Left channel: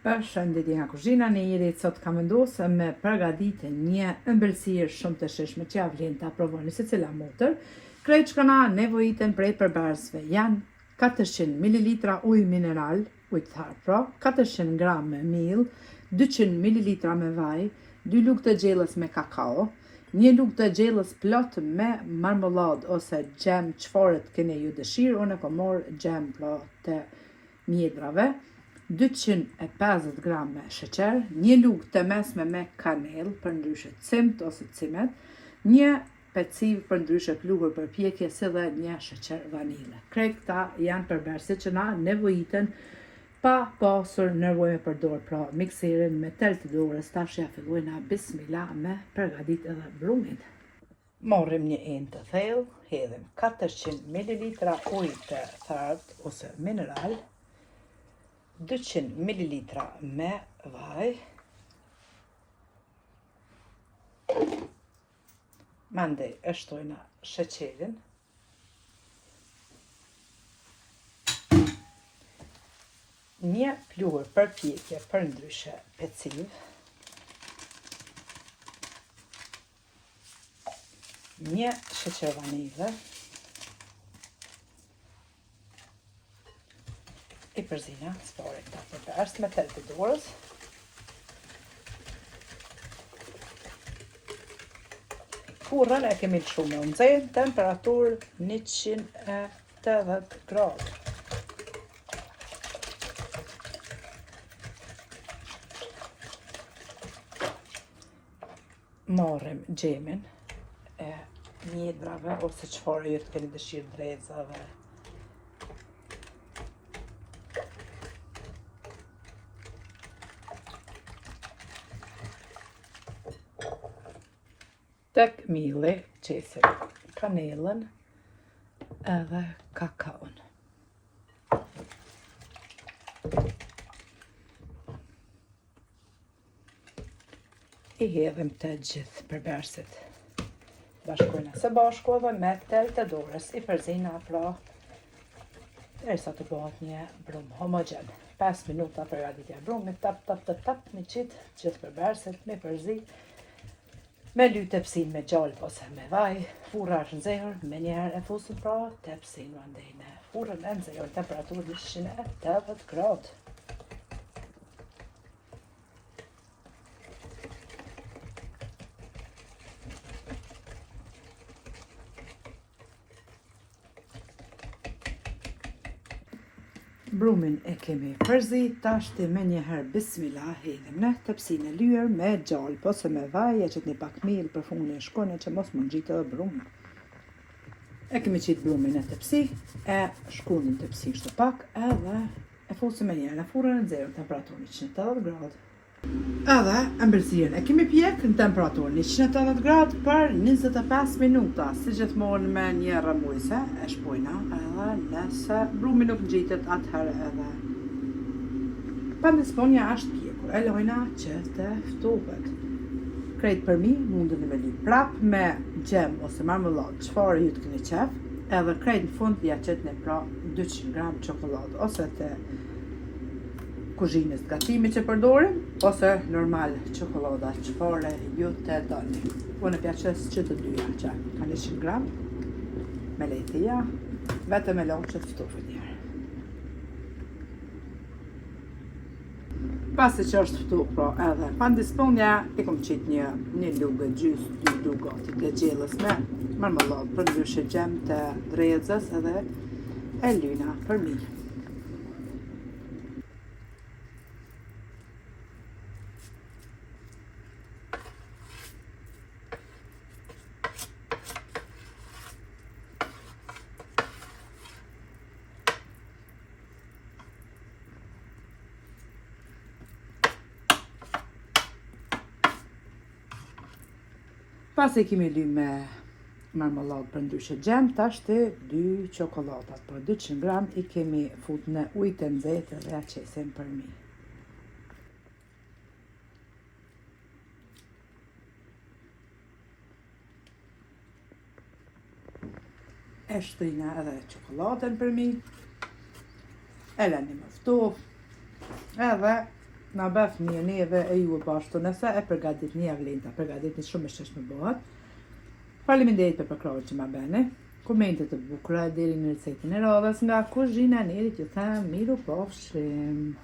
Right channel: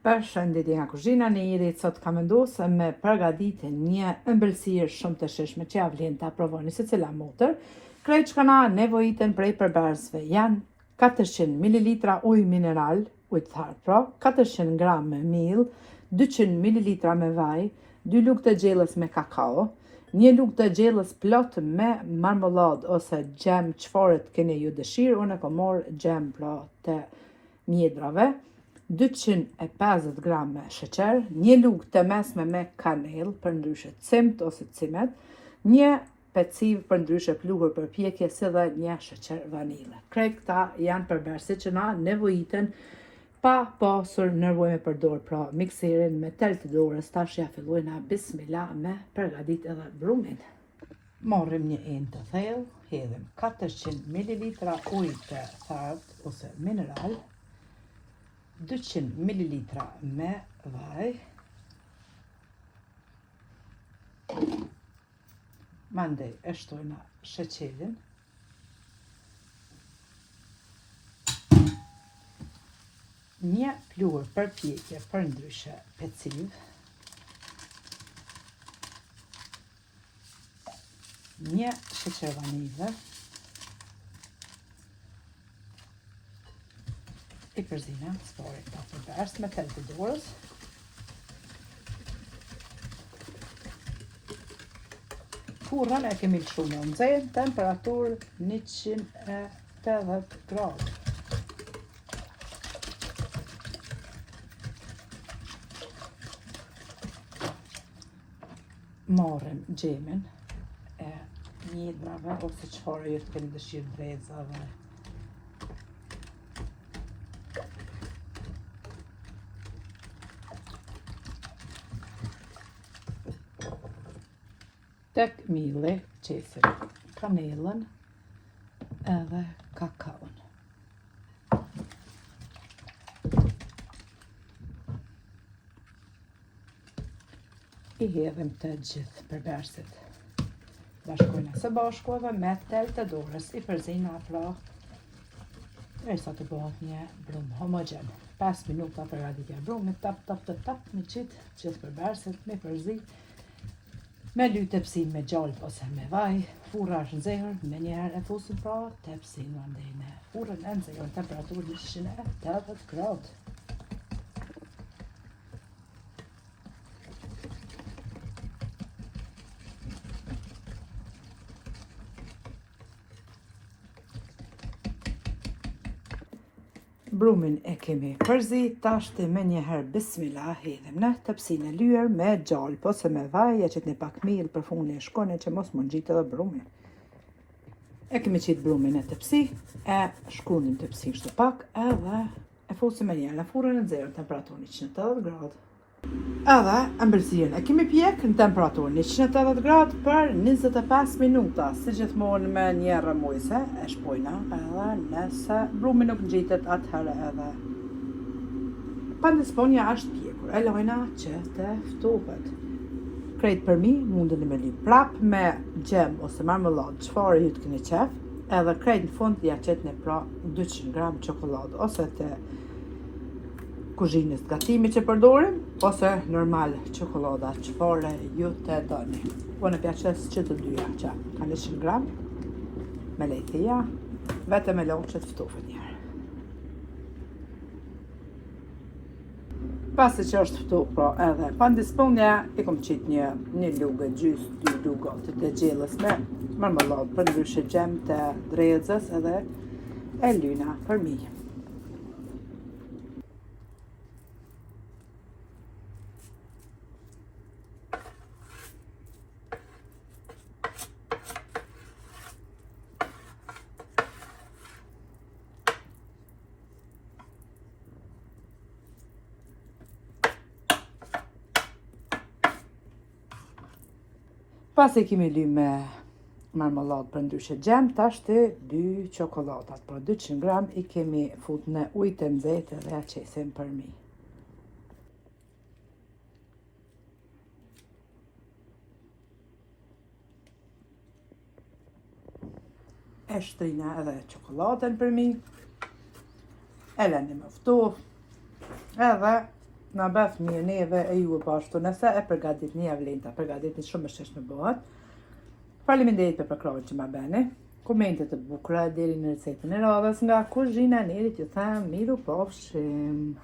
Përshëndetje nga kuzhina në Irit, sot kam vendosur me përgatitë një ëmbëlsirë shumë të shishme që ja vlen ta provoni secila motër. Krejt që na nevojiten prej përbërësve janë 400 ml ujë mineral, ujë të tharë pra, 400 g miell, 200 ml me vaj, 2 lugë të gjellës me kakao, 1 lugë të gjellës plot me marmoladë ose gjem çfarë keni ju dëshirë. Unë kam marrë gjem pra të mjedrave, 250 g me sheqer, 1 lugë të mesme me kanellë, për ndryshe cimt ose cimet, 1 peciv për ndryshe pluhur për pjekje, si dhe 1 sheqer vanile. Krejt këta janë përbërësit që na nevojiten pa pasur nevojë me përdor pra mikserin me tel të dorës. Tash ja fillojna bismillah me përgatit edhe brumin. Marrim një enë të thellë, hedhim 400 ml ujë të thartë ose mineral, 200 ml me vaj, mandej e shtojna sheqerin, një pluhur për pjekje për ndryshe peciv, një sheqer vanile, i përzina, spore këta përbërës me tel të dorës, furrën e kemi lëshu në nxehtë, temperaturë 180 gradë. Marrim gjemin e mjedrave ose çfarë ju të keni dëshirë, drejzave, tek mielli qesim kanellën edhe kakaon. I hedhim të gjithë përbërësit. Bashkojna së bashku edhe me tel të dorës, i përzina pra derisa të bëhet një brum homogen. 5 minuta përgatitja e brumit, tap, me qitë gjithë përbërësit, me përzi, me ly tepsin me gjallë ose me vaj, furra është nxehur, me njëherë e fusim pra tepsin mandej me furrën e nxehur, temperaturë 180 gradë. Brumin e kemi përzi, tashti me njëherë bismillah hedhim në tepsin e lyer me gjalp ose me vaj, e qëtni pak miell për funi e shkoni që mos mund gjitë edhe brumin. E kemi qitë brumin e tepsi, e shkunin tepsi shtu pak, edhe e fusim me njëherë në furrën e nxehur, temperaturë 180 gradë. Edhe ëmbëlsirën e kemi pjek në temperaturë 180 gradë për 25 minuta, si gjithmonë me një rrëmujse, e shpojna edhe nëse brumi nuk ngjitet atëherë edhe pandisponja është pjekur, e lojna që të ftohet. Krejt për mi mundeni me li prap me gjem ose marmeladë, çfarë ju të keni qef, edhe krejt në fund ja qetni pra 200 g çokoladë ose të kuzhinës gatimit që përdorim, ose normal çokolada, çfarë ju të doni. Unë e pjaçes që të dyja që kanë 100 g me lejtia, vetëm e lojnë që ftofën njerë. Pasi që është ftuar po edhe pandisponja, i kom qitë një lugë gjys, 2 lugë të gjellës me marmeladë, për ndryshe gjem të drejzës edhe e lyna për mi. Pasi kemi ly me marmeladë për ndryshe gjem, tashti 2 çokoladat, për 200 g i kemi fut në ujë të nxehtë dhe ja qesim për mi. E shtrina edhe çokoladën për mi, e lëni më ftoft, edhe Na bëf një neve e ju e bashkëtu, nëse e përgatitni ja vlen ta përgatitni shumë e sheshme bëhet. Faleminderit për përkrahjen që ma bëni. Komente të bukura deri në recetën e radhës nga kuzhina e Nerit, ju them miru pofshim.